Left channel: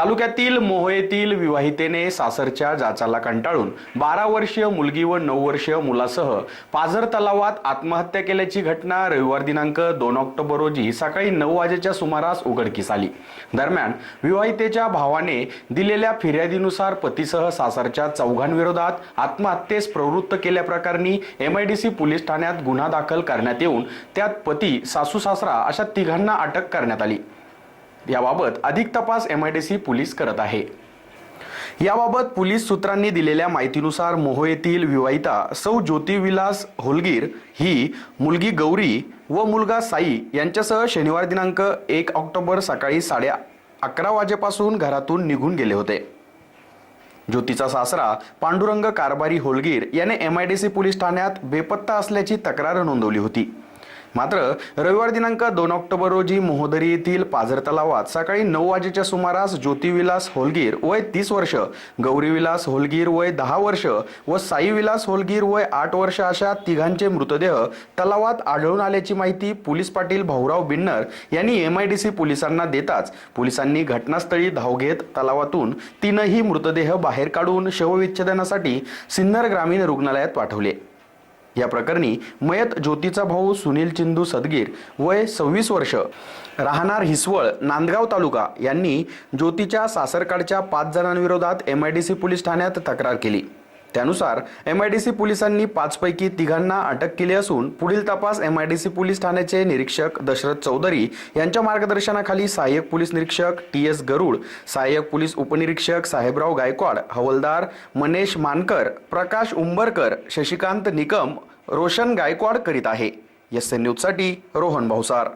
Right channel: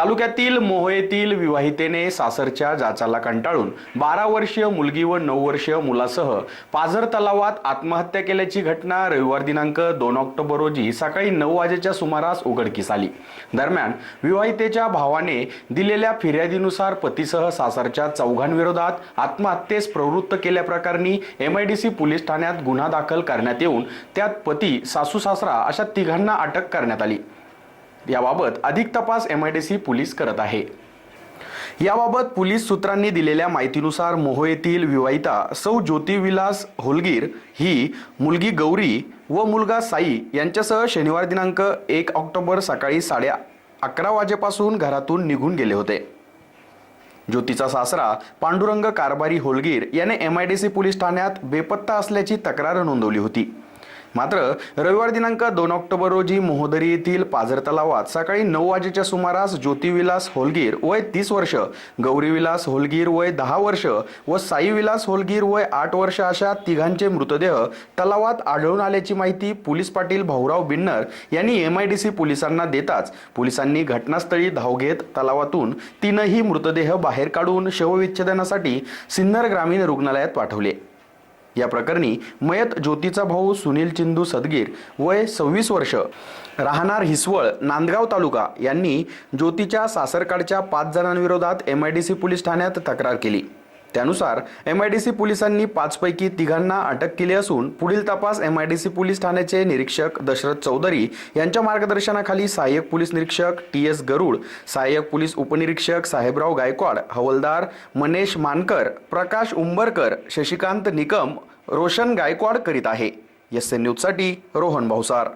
तालुक्यातील मोहयेतील विवाहितेने सासरच्या जाचाला कंटाळून बारा वर्षीय मुलगी व नऊ वर्षीय मुलासह पाझर तलावात आत्महत्या केल्याची घटना रविवार दिनांक दोन ऑक्टोबर रोजी सकाळी नऊ वाजेच्या सुमारास उघडकीस आली. दरम्यान विवाहितेच्या भावाने दिलेल्या फिर्यादीनुसार पतीसह सासरच्या चौघांविरोधात आत्महत्येस प्रवृत्त केल्याप्रकरणी M I D C police ठाण्यात गुन्हा दाखल करण्यात येऊन त्यात पती सासू सासरा अशा तिघांना अटक करण्यात आली. याबाबत अधिक तपास M I D C police करत आहे. याबाबत पोलीस सूत्रांनी दिलेल्या माहितीनुसार मोहो येथील विवाहिता सौ ज्योतिविलास होलगीर ही मुलगी गौरी व मुलगा साई यांच्यासह शनिवार दिनांक एक ऑक्टोबर सकाळी साडे अकरा वाजेपासून घरातून निघून गेले होते. ज्योतीचा सासरा पांडुरंग कारभारी होलगीर याने M I D C police ठाण्यात बेपत्ता असल्याची तक्रार नोंदवली होती. मात्र रविवार दिनांक दोन ऑक्टोबर रोजी मोहोदरी येथील पाझर तलावात सकाळी नऊ वाजेच्या सुमारास ज्योतिविलास होलगीर वय तीस वर्ष गौरीविलास होलगीर वय दहा वर्ष व साईविलास होलगीर वय आठ वर्ष अशा तिघांचे मृतदेह तलावात आढळून आल्याची माहिती पोलीस पाटील भाऊराव बिन्नर यांनी एम आय डी सी पोलिसांना देताच पोलिसांनी घटनास्थळी धाव घेत तलावातून तीनही मृतदेह बाहेर काढून शवविच्छेदनासाठी सिन्नर ग्रामीण रुग्णालयात पाठवले. या प्रकरणी मयत ज्योतीचा भाऊ सुनील चिंदू सदगीर वय सव्वीस वर्ष. राहणार हिसवळ नांदगाव तालुका. यांनी ज्योतीच्या सासरकडच्या पाच जणांविरोधात M I D C police ठाण्यात तक्रार केली. त्यानुसार एम आय डी सी पोलिसांनी पाचपैकी तिघांना अटक केली असून पुढील तपास M I D C police ठाण्याचे निरीक्षक दशरथ चौधरी यांच्या मार्गदर्शनाखाली सहाय्यक पोलीस निरीक्षक टी एस गरुड सहाय्यक पोलीस उपनिरीक्षक साहेबराव गायकवाड हवलदार मनेश मानकर प्रकाश उंबरकर शशिकांत निकम रोशन गायकवाड करीत आहे. एस एन न्यूजसाठी रोहन भाऊसार.